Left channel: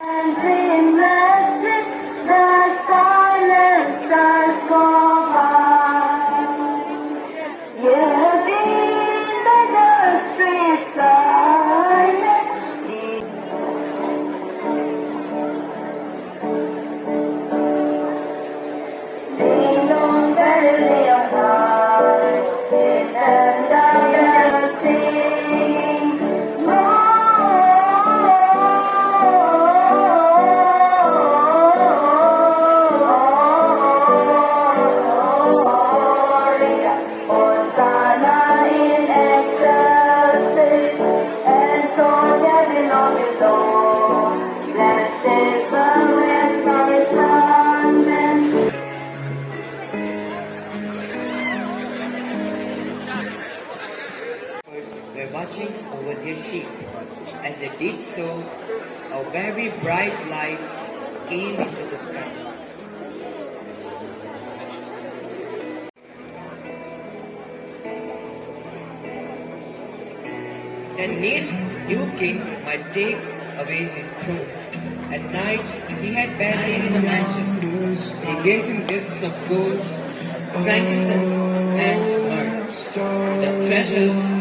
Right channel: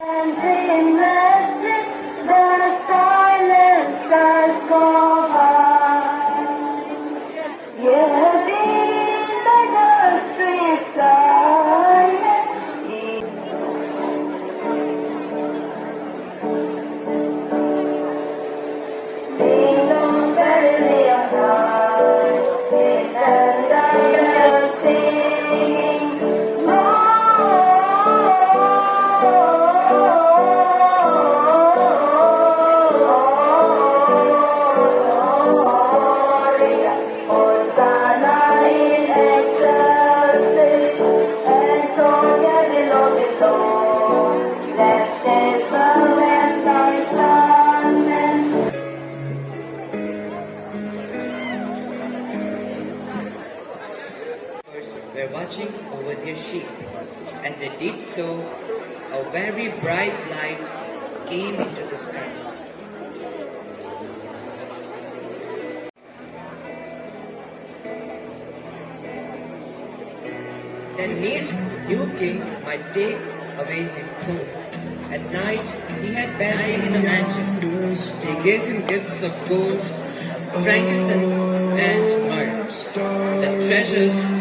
And seamlessly the silence starts go by. You have been the street silent. Ding dong, barely a heart, and I sing. Were watching over their sheep. As they did so, a very bright light came into the sky. The next new king might take away his throne. At night, he had bed in the mansion. They gave him gifts of gold, frankincense, and myrrh, the treasures